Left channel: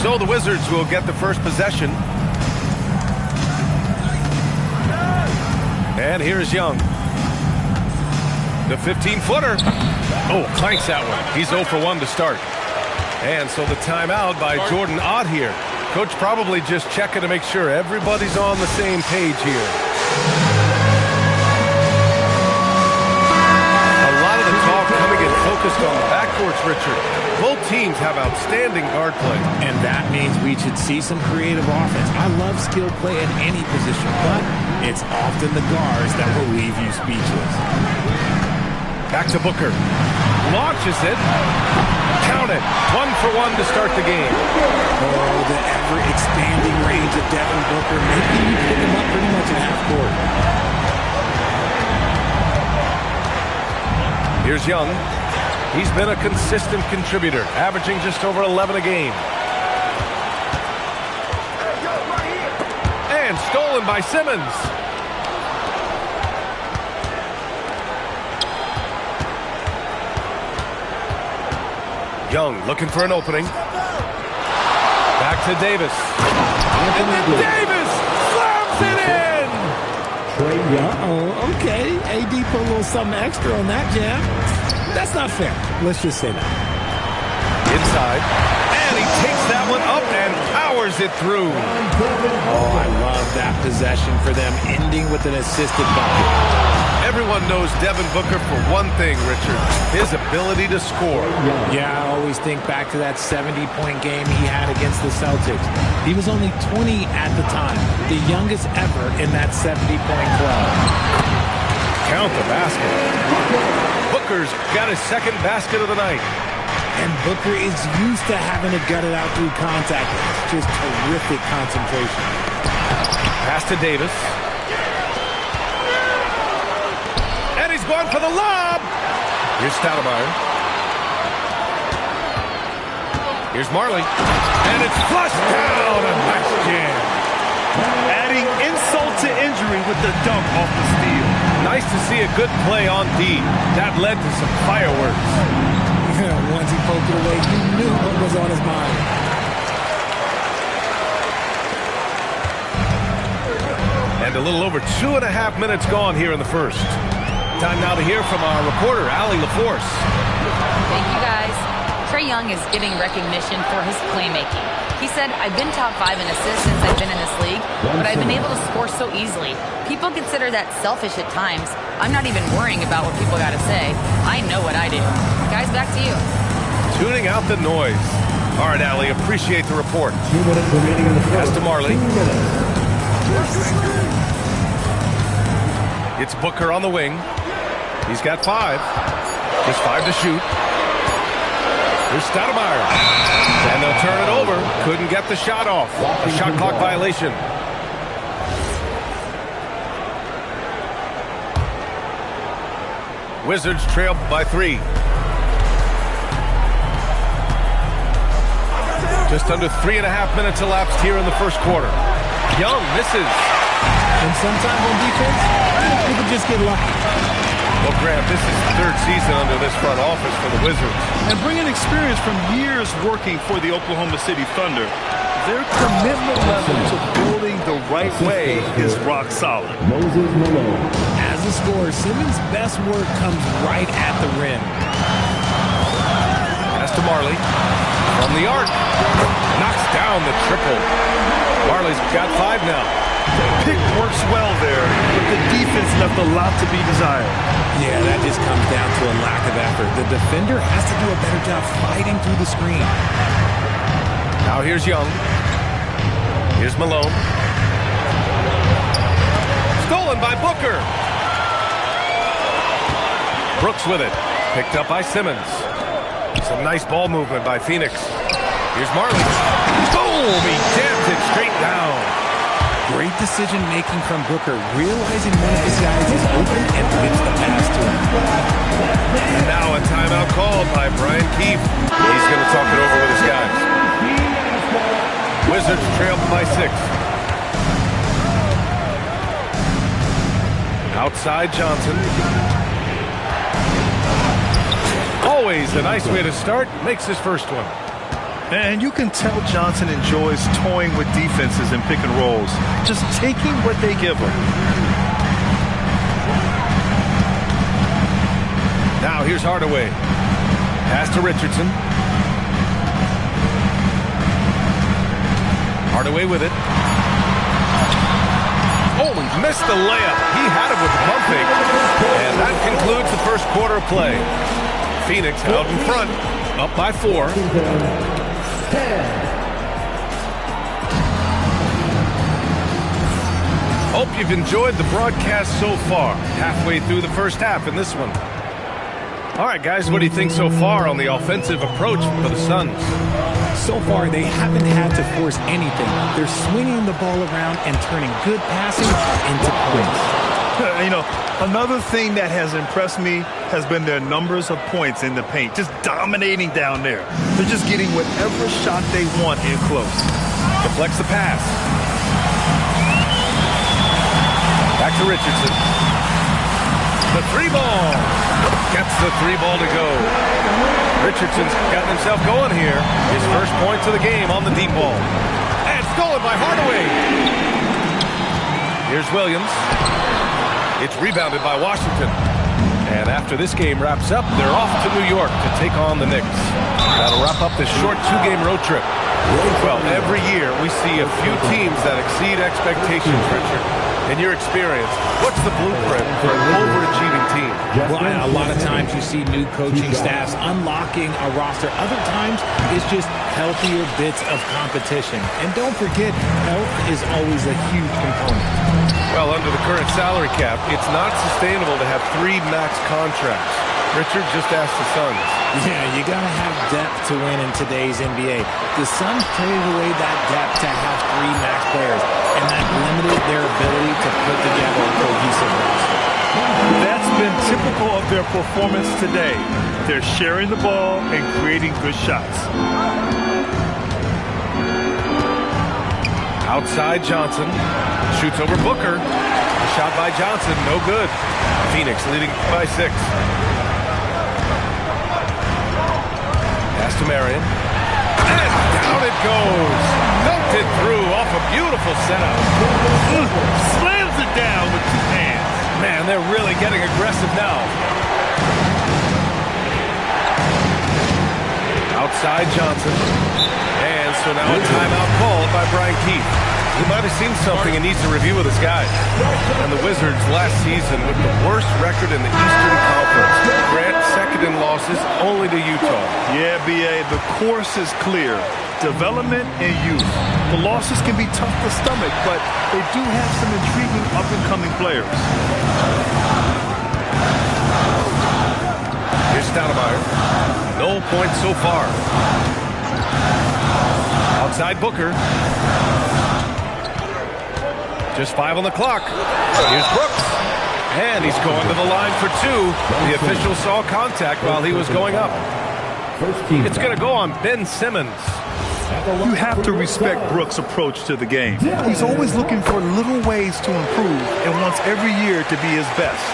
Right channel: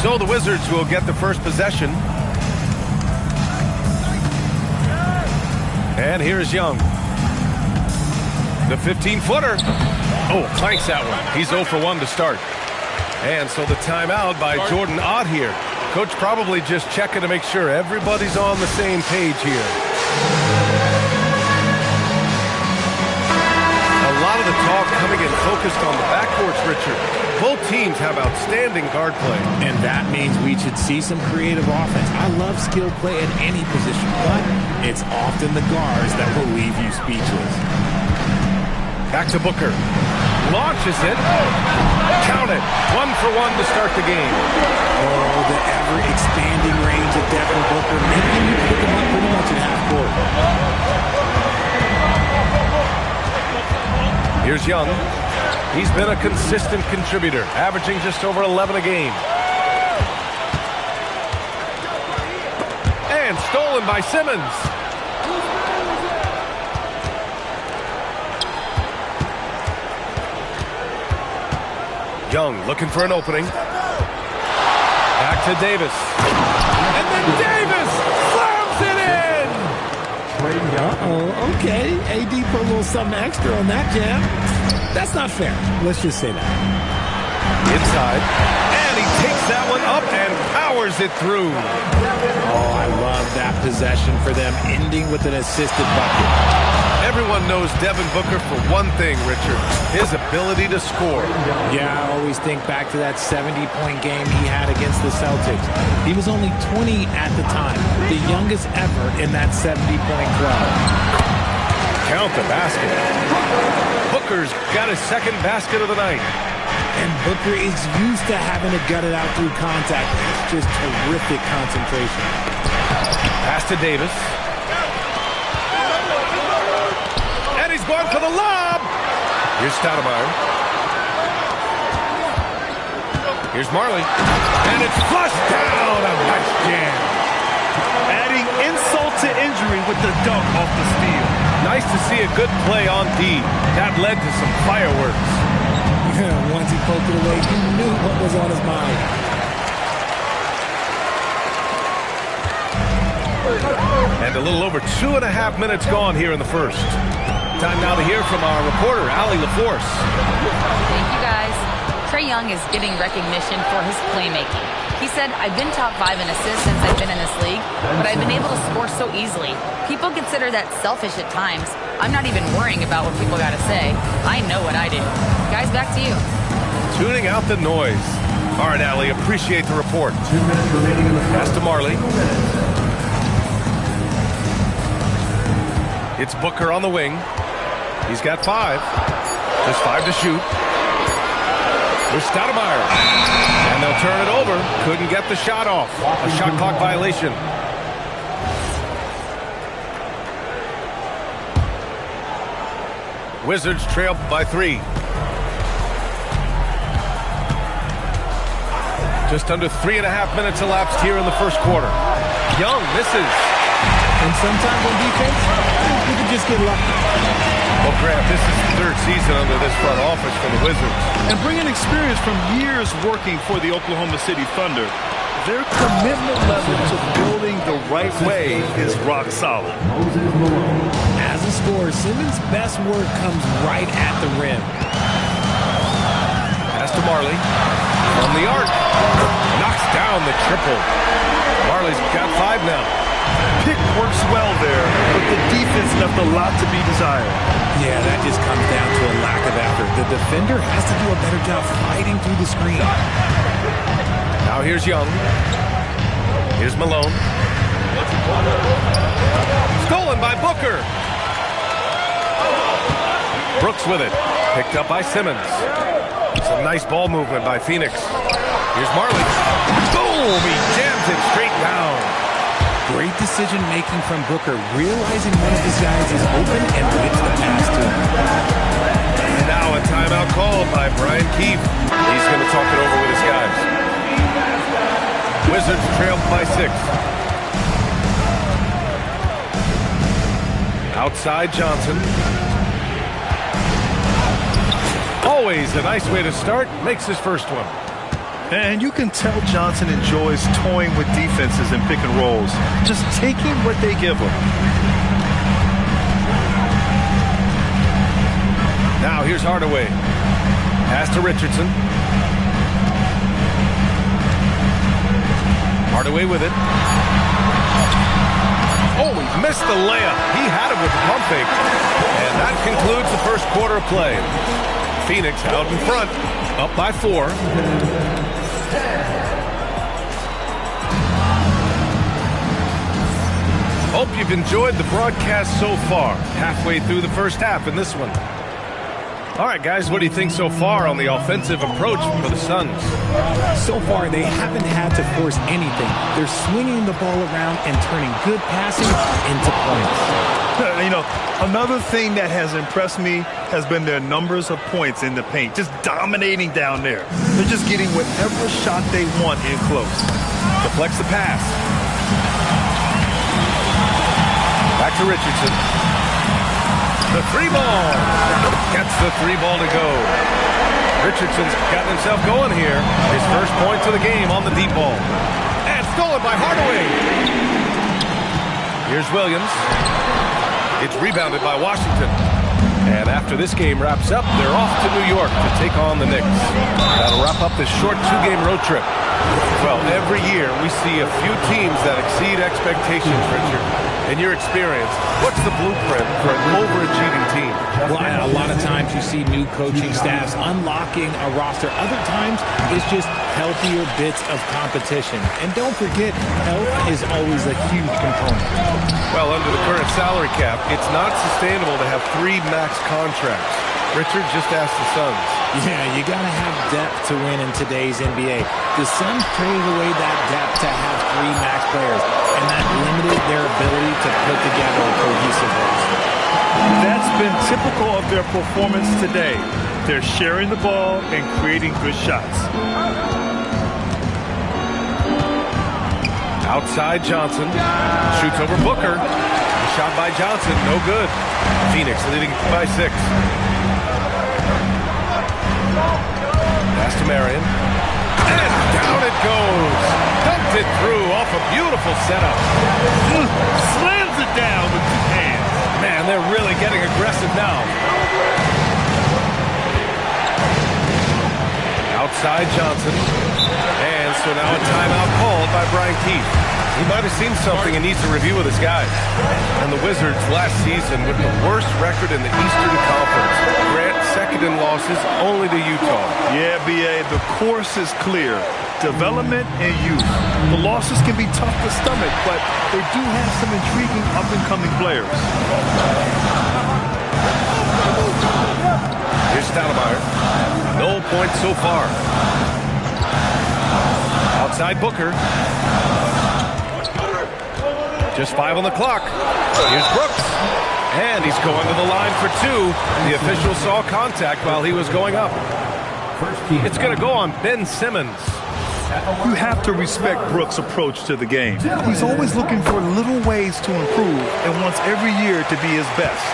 So the Wizards will get the first possession. And here's Young. The 15-footer. Oh, clanks that one. He's 0 for 1 to start. And so the timeout by Jordan Ott here. Coach probably just checking to make sure everybody's on the same page here. A lot of the talk coming in focused on the backcourts, Richard. Both teams have outstanding guard play. And that means we should see some creative offense. I love skill play at any position, but it's often the guards that will leave you speechless. Back to Booker. Launches it. Count it. 1 for 1 to start the game. Oh, the ever-expanding range of Devin Booker, making you pick him up pretty much at half court. Here's Young. He's been a consistent contributor, averaging just over 11 a game. And stolen by Simmons. Young looking for an opening. Back to Davis. And then Davis slams it in! Trae Young. Oh, okay. AD put a little something extra on that jam. That's not fair. Let's just say that. Inside. And he takes that one up and powers it through. Oh, I love that possession for them, ending with an assisted bucket. Everyone knows Devin Booker for one thing, Richard, his ability to score. Yeah, I always think back to that 70-point game he had against the Celtics. He was only 20 at the time, the youngest ever in that 70-point club. Count the basket. Booker's got his second basket of the night. And Booker is used to having to gut it out through contact. It's just terrific concentration. Pass to Davis. And he's going for the lob. Here's Stoudemire. Here's Marley. And it's flushed down. A nice jam. Adding insult to injury with the dunk off the steal. Nice to see a good play on D. That led to some fireworks. Once he poked it away, you knew what was on his mind. And a little over 2.5 minutes gone here in the first. Time now to hear from our reporter, Allie LaForce. Thank you, guys. Trae Young is getting recognition for his playmaking. He said, I've been top 5 in assists since I've been in this league, but I've been able to score so easily. People consider that selfish at times. I'm not even worrying about what people got to say. I know what I do. Guys, back to you. Tuning out the noise. All right, Allie, appreciate the report. 2 minutes remaining in the first. Pass to Marley. It's Booker on the wing. He's got 5. Just 5 to shoot. Here's Stoudemire. And they'll turn it over. Couldn't get the shot off. A shot clock violation. Wizards trail by 3. Just under 3.5 minutes elapsed here in the first quarter. Young misses. And sometimes on defense, people just get lucky. Well, Grant, this is the 3rd season under this front office for the Wizards. And bringing experience from years working for the Oklahoma City Thunder, their commitment level to building the right way is rock solid. Moses Malone. As a scorer, Simmons' best work comes right at the rim. Pass to Marley. From the arc. Knocks down the triple. Marley's got 5 now. Pick works well there, but the defense left a lot to be desired. Yeah, that just comes down to a lack of effort. The defender has to do a better job fighting through the screen. Now here's Young. Here's Malone. Stolen by Booker. Brooks with it. Picked up by Simmons. Some nice ball movement by Phoenix. Here's Marley. Boom! He jams it straight down. Great decision-making from Booker, realizing one of his guys is open and whips the pass to him. And now a timeout called by Brian Keefe. He's going to talk it over with his guys. Wizards trail by 6. Outside Johnson. Always a nice way to start. Makes his first one. And you can tell Johnson enjoys toying with defenses and pick and rolls, just taking what they give him. Now here's Hardaway. Pass to Richardson. Hardaway with it. Oh, he missed the layup. He had it with the pump fake. And that concludes the first quarter of play. Phoenix out in front, up by 4. Hope you've enjoyed the broadcast so far. Halfway through the first half in this one. All right, guys, what do you think so far on the offensive approach for the Suns? So far, they haven't had to force anything. They're swinging the ball around and turning good passing into points. You know, another thing that has impressed me has been their numbers of points in the paint, just dominating down there. They're just getting whatever shot they want in close. Deflects the pass. Back to Richardson. The 3-ball. Gets the 3-ball to go. Richardson's gotten himself going here. His first points of the game on the deep ball. And stolen by Hardaway. Here's Williams. It's rebounded by Washington. And after this game wraps up, they're off to New York to take on the Knicks. That'll wrap up this short 2-game road trip. Well, every year we see a few teams that exceed expectations, Richard. In your experience, what's the blueprint for an overachieving team? Well, a lot of times you see new coaching staffs unlocking a roster. Other times it's just healthier bits of competition. And don't forget, health is always a huge component. Well, under the current salary cap, it's not sustainable to have 3 max contracts. Richard, just ask the Suns. Yeah, you got to have depth to win in today's NBA. The Suns traded away that depth to have 3 max players, and that limited their ability to put together a cohesive roster. That's been typical of their performance today. They're sharing the ball and creating good shots. Outside Johnson. Shoots over Booker. A shot by Johnson, no good. Phoenix leading by 6. Pass to Marion. And down it goes. Dunked it through off a beautiful setup. Slams it down with 2 hands. Man, they're really getting aggressive now. Outside Johnson. And so now a timeout called by Brian Keefe. He might have seen something and needs to review with his guys. And the Wizards last season with the worst record in the Eastern Conference. Grant second in losses only to Utah. Yeah, B.A., the course is clear. Development and youth. The losses can be tough to stomach, but they do have some intriguing up-and-coming players. Here's Stoudemire. No points so far. Outside Booker. Just 5 on the clock. Here's Brooks. And he's going to the line for 2. The official saw contact while he was going up. It's going to go on Ben Simmons. You have to respect Brooks' approach to the game. He's always looking for little ways to improve and wants every year to be his best.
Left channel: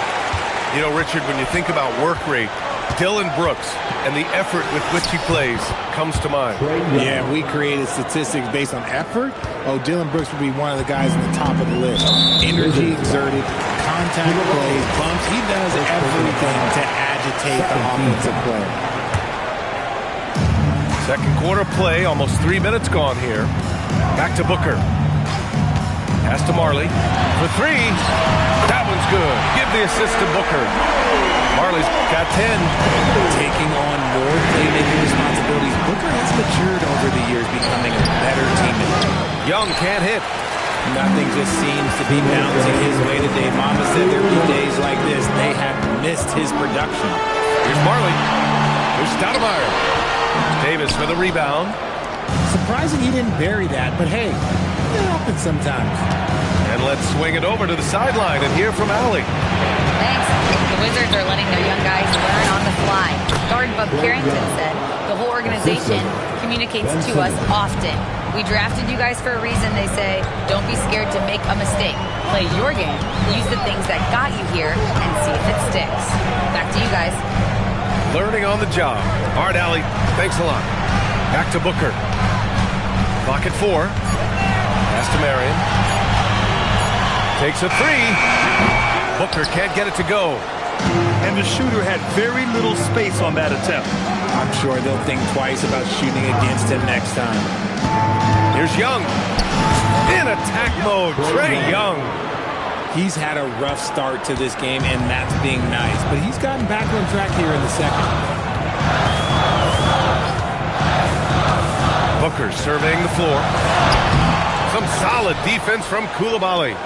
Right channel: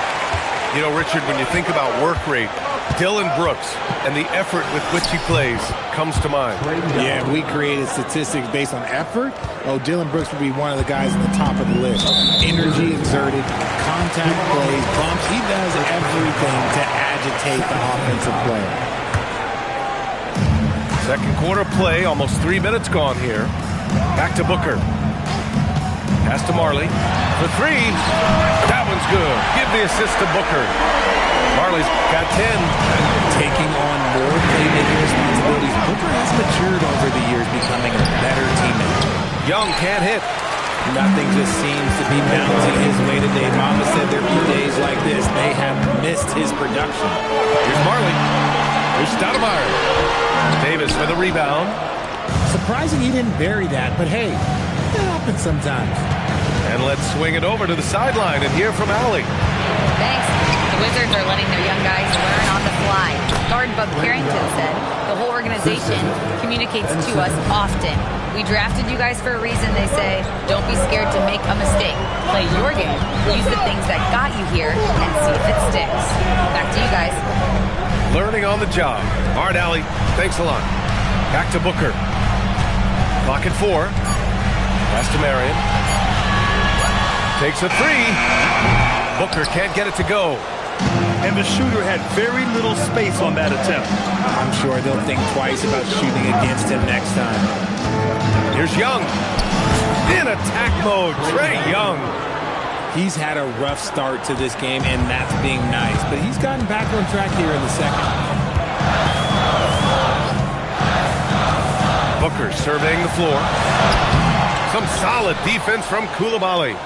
You know, Richard, when you think about work rate, Dillon Brooks and the effort with which he plays comes to mind. Yeah, we created statistics based on effort. Oh, Dillon Brooks would be one of the guys on the top of the list. Energy exerted, contact plays, bumps. He does everything to agitate the offensive player. Second quarter play, almost 3 minutes gone here. Back to Booker. Pass to Marley for 3. That one's good. Give the assist to Booker. Marley's got 10. Taking on more playmaking responsibilities, Booker has matured over the years, becoming a better teammate. Young can't hit. Nothing just seems to be bouncing his way today. Mama said there'd be days like this. They have missed his production. Here's Marley. Here's Stoudemire. Davis for the rebound. Surprising he didn't bury that, but hey, it happens sometimes. And let's swing it over to the sideline and hear from Allie. Thanks. The Wizards are letting their young guys learn on the fly. Guard Bub Carrington said the whole organization communicates to us often. We drafted you guys for a reason, they say. Don't be scared to make a mistake. Play your game, use the things that got you here, and see if it sticks. Back to you guys. Learning on the job. All right, Allie, thanks a lot. Back to Booker. Clock at 4. Pass to Marion. Takes a 3. Booker can't get it to go. And the shooter had very little space on that attempt. I'm sure they'll think twice about shooting against him next time. Here's Young. In attack mode, Trae Young. He's had a rough start to this game, and that's being nice. But he's gotten back on track here in the second. Booker surveying the floor. Some solid defense from Coulibaly.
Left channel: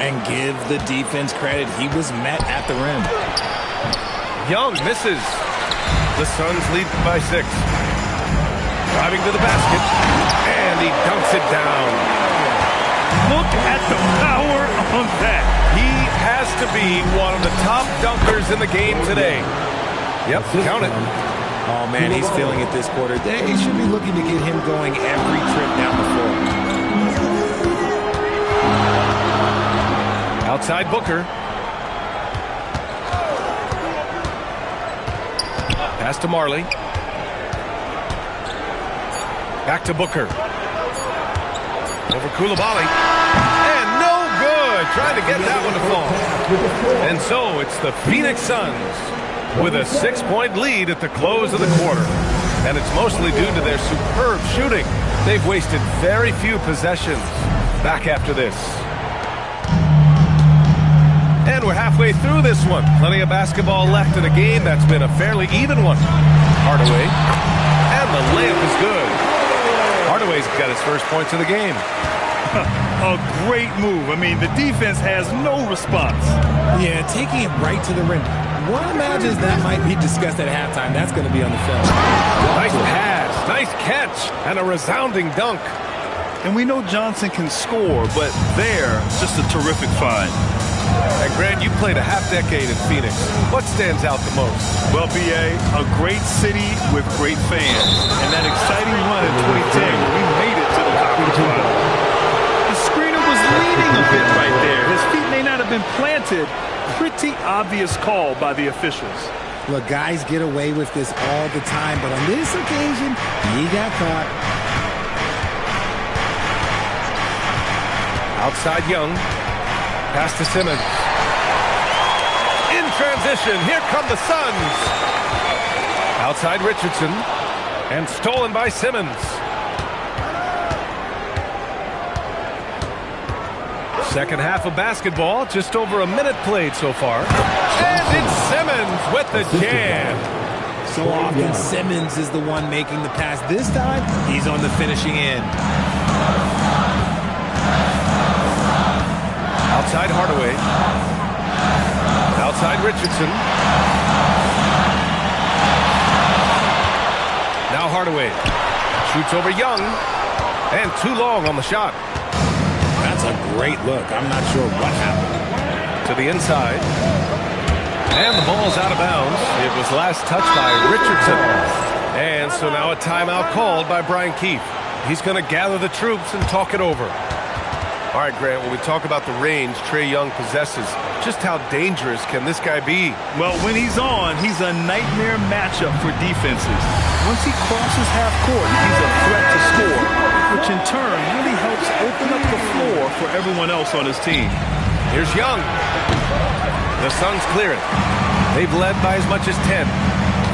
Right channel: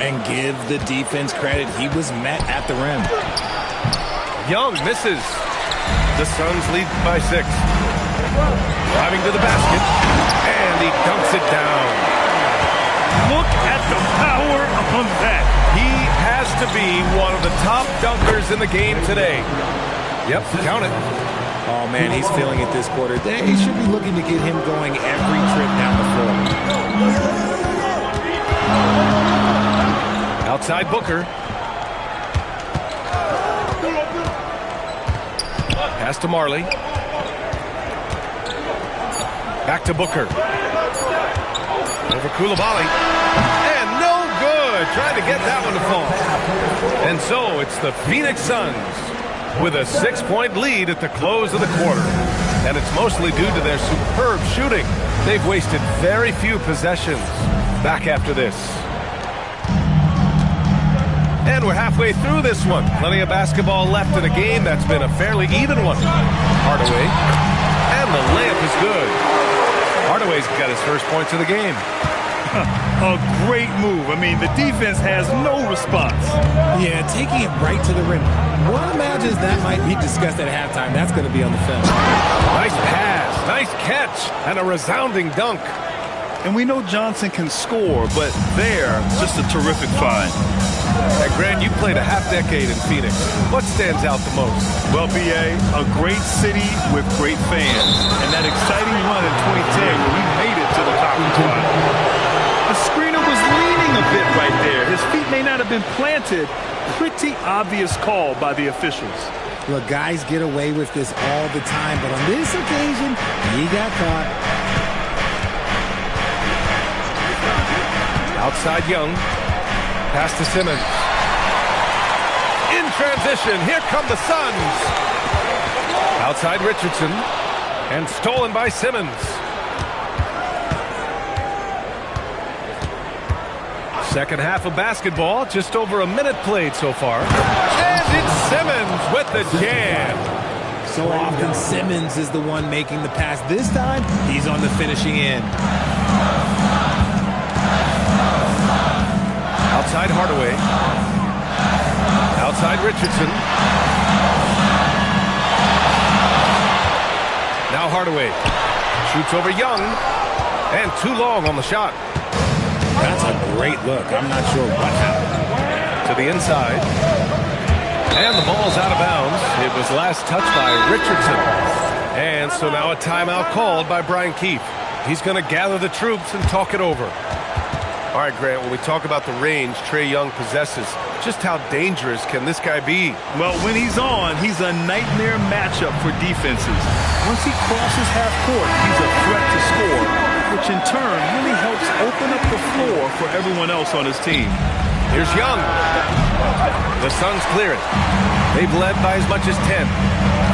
And give the defense credit. He was met at the rim. Young misses. The Suns lead by 6. Driving to the basket. And he dunks it down. Look at the power on that. He has to be one of the top dunkers in the game today. Yep, count it. Oh, man, he's feeling it this quarter. They should be looking to get him going every trip down the floor. Outside Booker. Pass to Marley. Back to Booker. Over Coulibaly. And no good. Trying to get that one to fall. And so it's the Phoenix Suns with a 6-point lead at the close of the quarter. And it's mostly due to their superb shooting. They've wasted very few possessions. Back after this. And we're halfway through this one. Plenty of basketball left in a game that's been a fairly even one. Hardaway. And the layup is good. Hardaway's got his first points of the game. A great move. I mean, the defense has no response. Yeah, taking it right to the rim. One imagines that might be discussed at halftime. That's going to be on the film. Nice pass, nice catch, and a resounding dunk. And we know Johnson can score, but there, just a terrific find. And Grant, you played a half-decade in Phoenix. What stands out the most? Well, B.A., a great city with great fans. And that exciting run in 2010 where we made it to the conference final. The screener was leaning a bit right there. His feet may not have been planted. Pretty obvious call by the officials. Look, guys get away with this all the time, but on this occasion, he got caught. Outside Young. Pass to Simmons. In transition, here come the Suns. Outside Richardson. And stolen by Simmons. Second half of basketball, just over a minute played so far. And it's Simmons with the jam. So often Simmons is the one making the pass. This time, he's on the finishing end. Outside Hardaway. Outside Richardson. Now Hardaway. Shoots over Young. And too long on the shot. That's a great look. I'm not sure what happened. To the inside. And the ball's out of bounds. It was last touched by Richardson. And so now a timeout called by Brian Keefe. He's going to gather the troops and talk it over. All right, Grant, when we talk about the range Trae Young possesses, just how dangerous can this guy be? Well, when he's on, he's a nightmare matchup for defenses. Once he crosses half court, he's a threat to score, which in turn really helps open up the floor for everyone else on his team. Here's Young. The Suns clear it. They've led by as much as 10.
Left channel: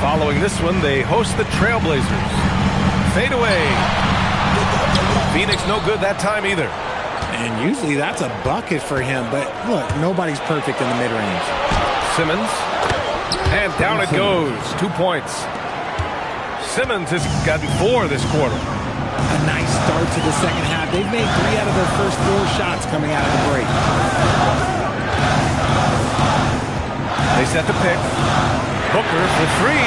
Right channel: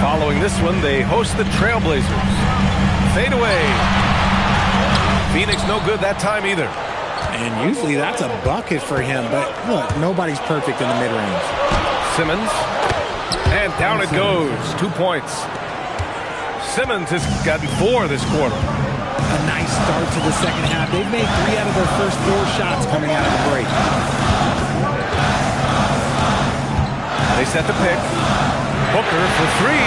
Following this one, they host the Trailblazers. Fade away. Phoenix no good that time either. And usually that's a bucket for him. But look, nobody's perfect in the mid-range. Simmons. And down it goes. 2 points. Simmons has gotten 4 this quarter. A nice start to the second half. They've made 3 out of their first 4 shots coming out of the break. They set the pick. Booker for 3.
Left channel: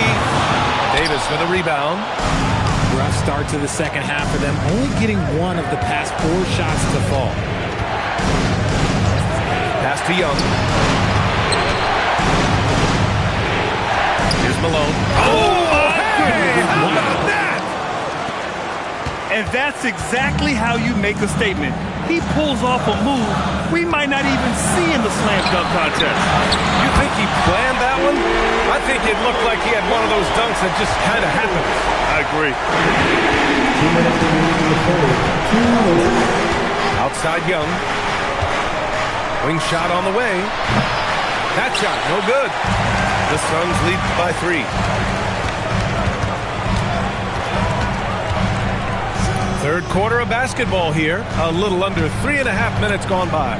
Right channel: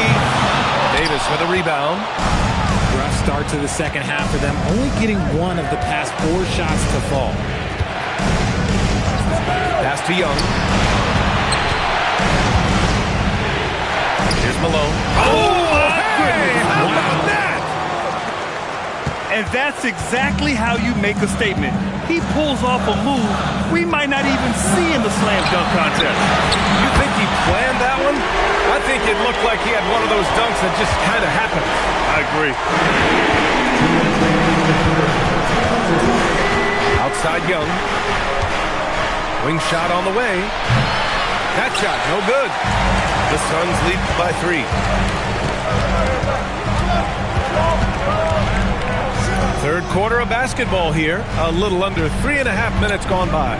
Davis with a rebound. Rough start to the second half for them, only getting 1 of the past 4 shots to fall. Pass to Young. Here's Malone. Oh, my goodness. How about that? And that's exactly how you make a statement. He pulls off a move we might not even see in the slam dunk contest. You think he planned that one? I think it looked like he had one of those dunks that just kind of happened. I agree. 2 minutes remaining in the quarter. Outside Young. Wing shot on the way. That shot, no good. The Suns lead by 3. Third quarter of basketball here. A little under 3.5 minutes gone by.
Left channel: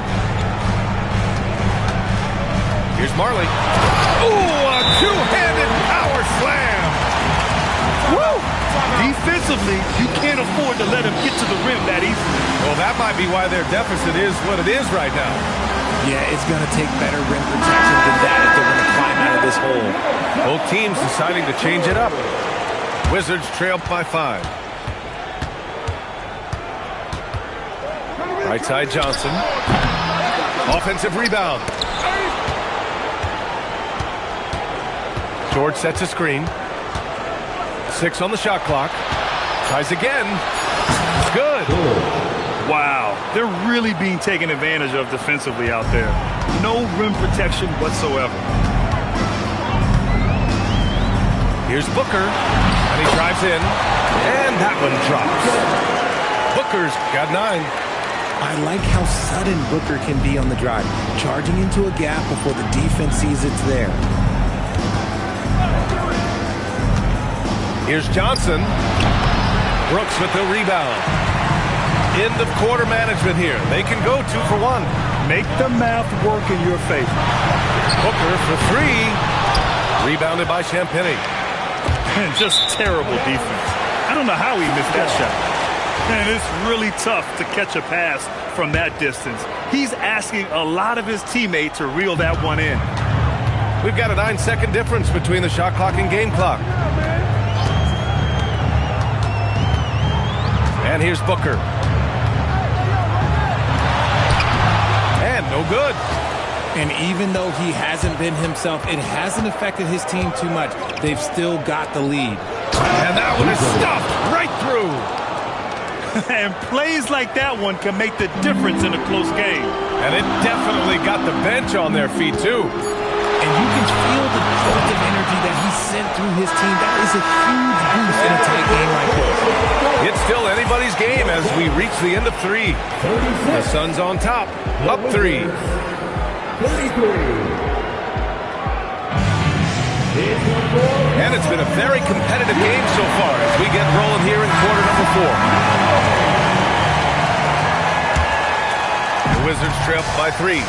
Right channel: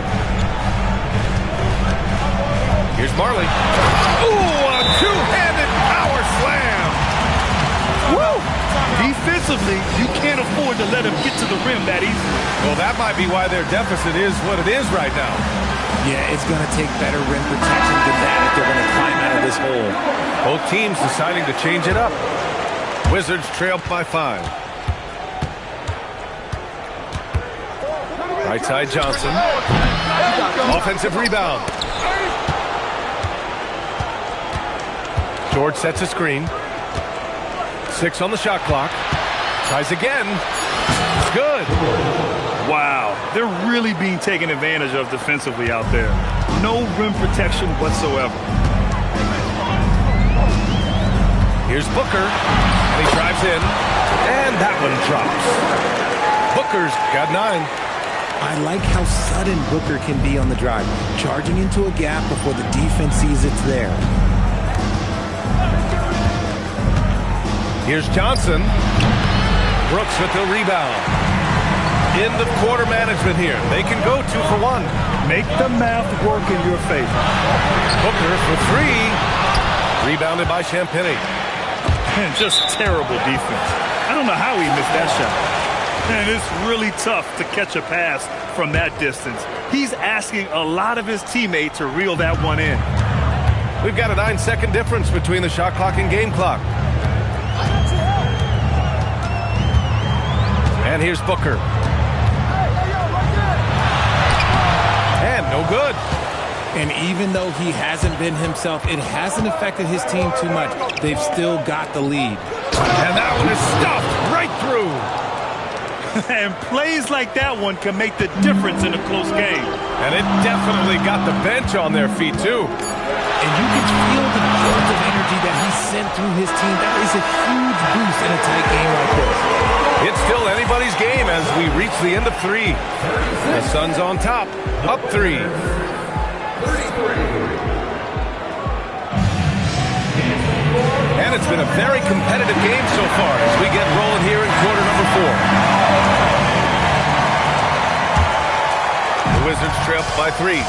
Here's Marley. Ooh, a two-handed power slam. Woo! Defensively, you can't afford to let him get to the rim that easily. Well, that might be why their deficit is what it is right now. Yeah, it's going to take better rim protection than that if they're going to climb out of this hole. Both teams deciding to change it up. Wizards trail by 5. Right side Johnson. Offensive rebound. George sets a screen. 6 on the shot clock. Tries again. Good. Wow, they're really being taken advantage of defensively out there. No rim protection whatsoever. Here's Booker, and he drives in, and that one drops. Booker's got 9. I like how sudden Booker can be on the drive, charging into a gap before the defense sees it's there. Here's Johnson. Brooks with the rebound. End of quarter management here. They can go 2 for 1. Make the math work in your favor. Booker for 3. Rebounded by Champagnie. And just terrible defense. I don't know how he missed that shot. And it's really tough to catch a pass from that distance. He's asking a lot of his teammates to reel that one in. We've got a 9-second difference between the shot clock and game clock. And here's Booker. And no good. And even though he hasn't been himself, it hasn't affected his team too much. They've still got the lead. And that one is stuffed right through. And plays like that one can make the difference in a close game. And it definitely got the bench on their feet, too. And you can feel the jolt of energy that he sent through his team. That is a huge boost in a tight game like this. It's still anybody's game as we reach the end of 3. The Suns on top, up 3. 33. And it's been a very competitive game so far as we get rolling here in quarter number 4. The Wizards trail by 3.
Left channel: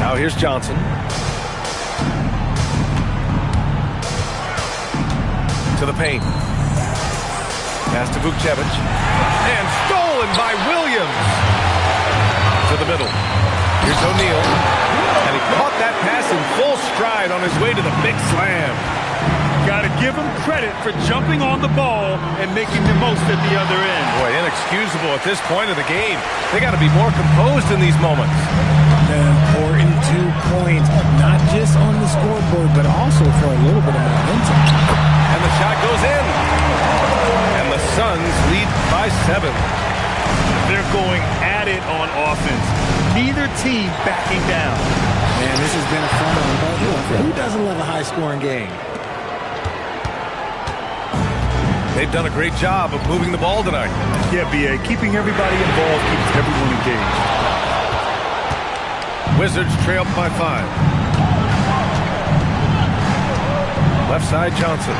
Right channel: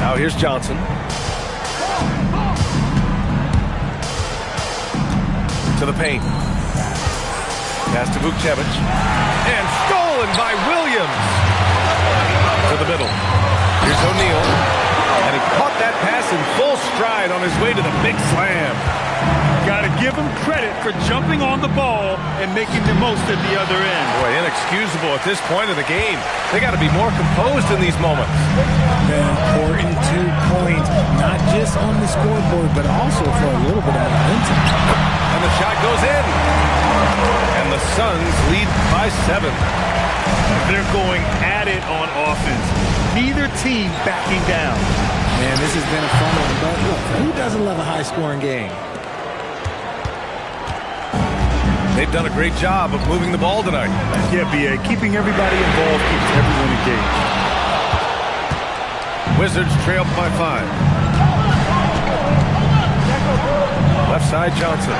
Now here's Johnson. To the paint. Pass to Vukcevic. And stolen by Williams. To the middle. Here's O'Neal. And he caught that pass in full stride on his way to the big slam. Got to give him credit for jumping on the ball and making the most at the other end. Boy, inexcusable at this point of the game. They got to be more composed in these moments. An important 2 points, not just on the scoreboard, but also for a little bit of momentum. And the shot goes in. And the Suns lead by 7. They're going at it on offense. Neither team backing down. Man, this has been a fun one, but look, who doesn't love a high-scoring game? They've done a great job of moving the ball tonight. Yeah, B.A., keeping everybody involved keeps everyone engaged. Wizards trail by 5. Left side, Johnson.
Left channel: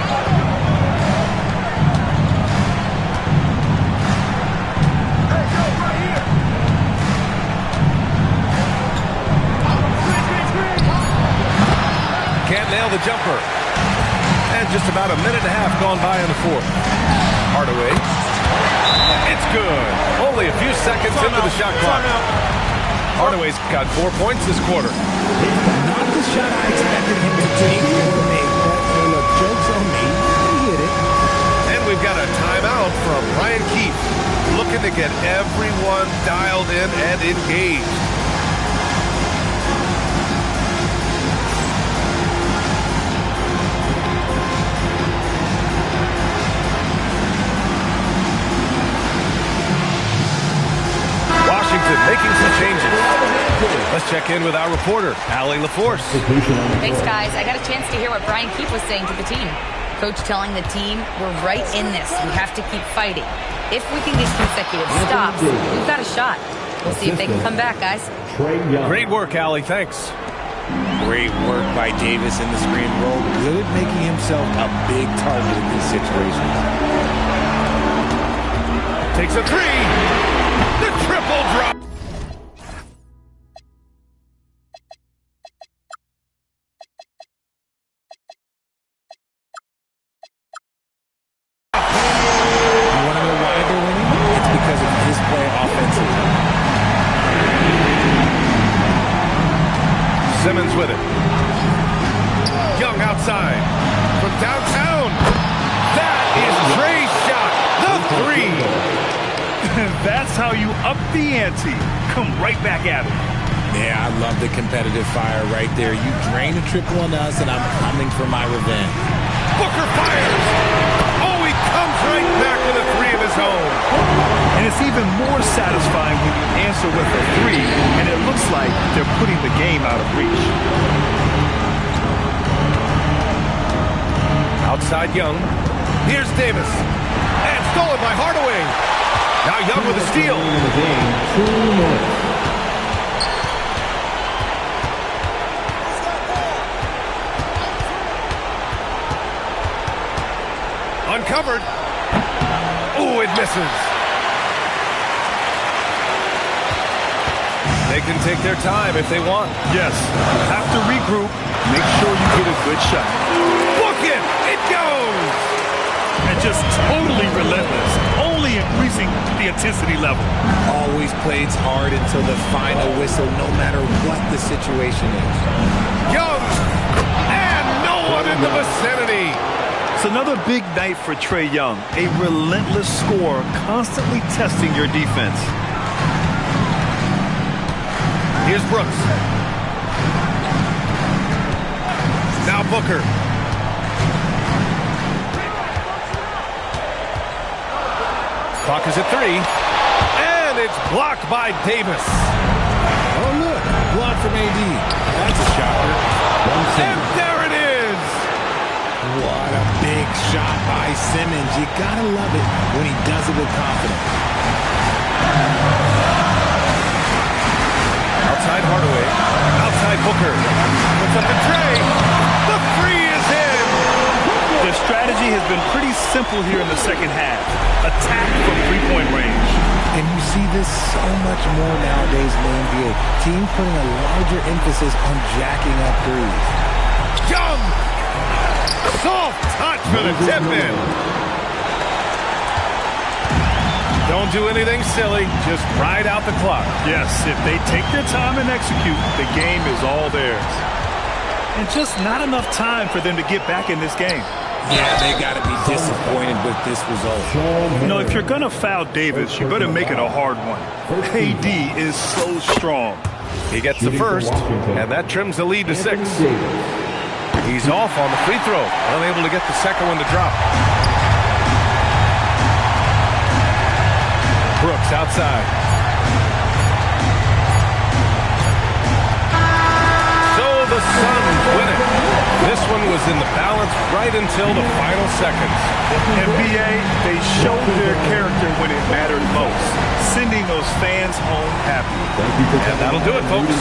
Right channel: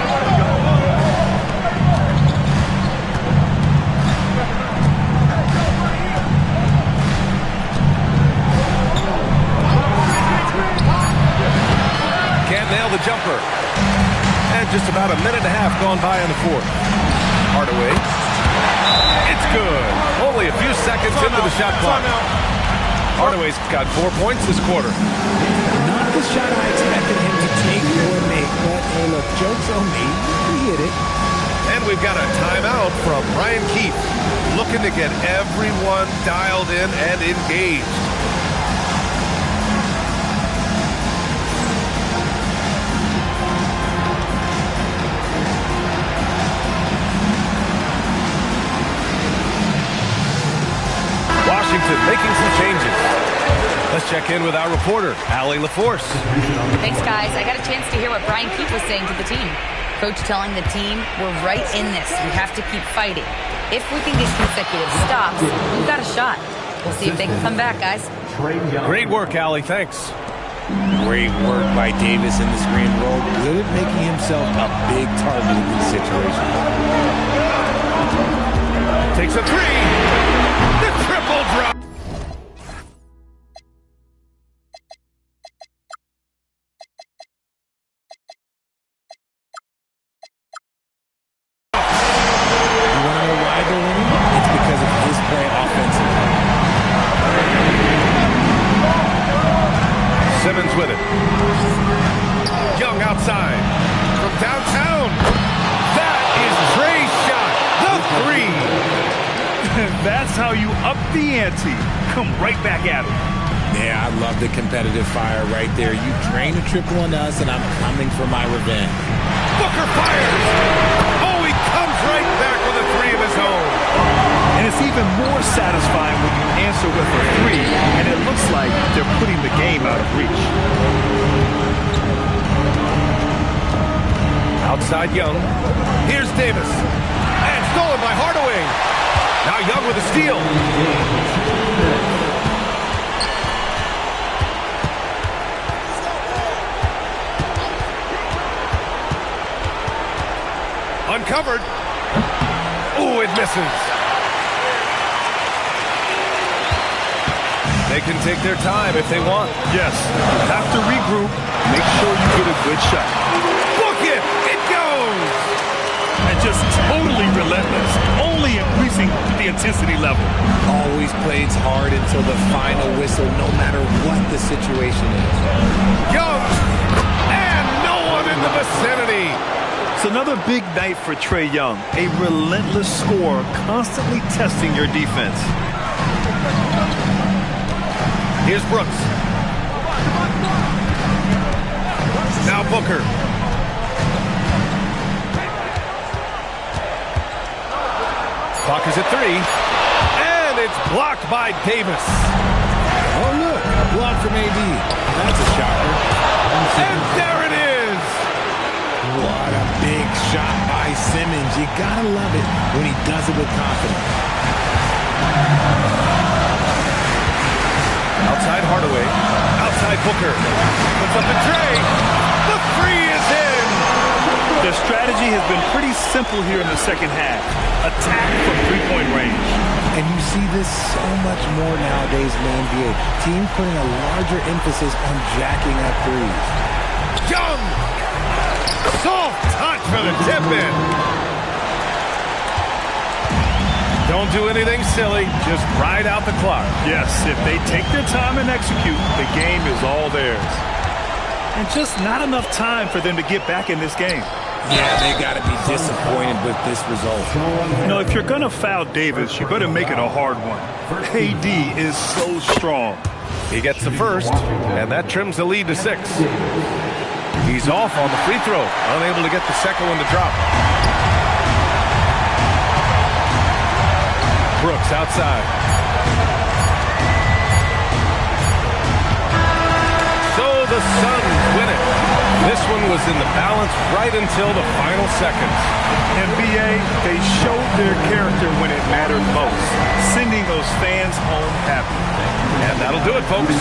Can't nail the jumper. And just about a minute and a half gone by in the 4th. Hardaway. It's good. Only a few seconds into the shot clock. Hardaway's got 4 points this quarter. Not the shot I expected him to take or make, but hey, look, joke's on me. He hit it. And we've got a timeout from Brian Keefe, looking to get everyone dialed in and engaged. Washington making some changes. Let's check in with our reporter, Allie LaForce. Thanks, guys. I got a chance to hear what Brian Keefe was saying to the team. Coach telling the team, we're right in this. We have to keep fighting. If we can get consecutive stops, we've got a shot. We'll see if they can come back, guys. Great work, Allie. Thanks. Great work by Davis in the screen roll. Good at making himself a big target in these situations. Takes a three. The triple drop. You want to know why they're winning? It's because of his play offensively. Simmons with it. Young outside. From downtown. That is Trey's shot. The three. That's how you up the ante. Come right back at him. Yeah, I love the competitive fire right there. You drain a triple on us, and I'm coming for my revenge. Booker fires. Oh, he comes right back with a three of his own. And it's even more satisfying when you answer with a three, and it looks like they're putting the game out of reach. Outside Young. Here's Davis. And stolen by Hardaway. Now Young with a steal. Uncovered. Ooh, it misses. They can take their time if they want. Yes, you have to regroup. Make sure you get a good shot. Book it! It goes! And just totally relentless, only increasing the intensity level. Always plays hard until the final whistle, no matter what the situation is. Young! And no one in the vicinity! It's another big night for Trae Young. A relentless scorer, constantly testing your defense. Here's Brooks. Now Booker. Clock is at 3. And it's blocked by Davis. Oh, look, a block from AD. That's a shocker. And there it is! What a big shot by Simmons. You gotta love it when he does it with confidence. Outside Hardaway. Outside Booker. Puts up the tray. The three is in! Their strategy has been pretty simple here in the second half. Attack from three-point range. And you see this so much more nowadays in the NBA. Teams putting a larger emphasis on jacking up threes. Young! Soft touch for the tip-in. Don't do anything silly. Just ride out the clock. Yes, if they take their time and execute, the game is all theirs. And just not enough time for them to get back in this game. Yeah, they got to be disappointed with this result. You know, if you're going to foul Davis, you better make it a hard one. AD is so strong. He gets the first, and that trims the lead to 6. He's off on the free throw, unable to get the second one to drop. Brooks outside. So the Suns win it. This one was in the balance right until the final seconds. NBA, they showed their character when it mattered most, sending those fans home happy. And that'll do it, folks.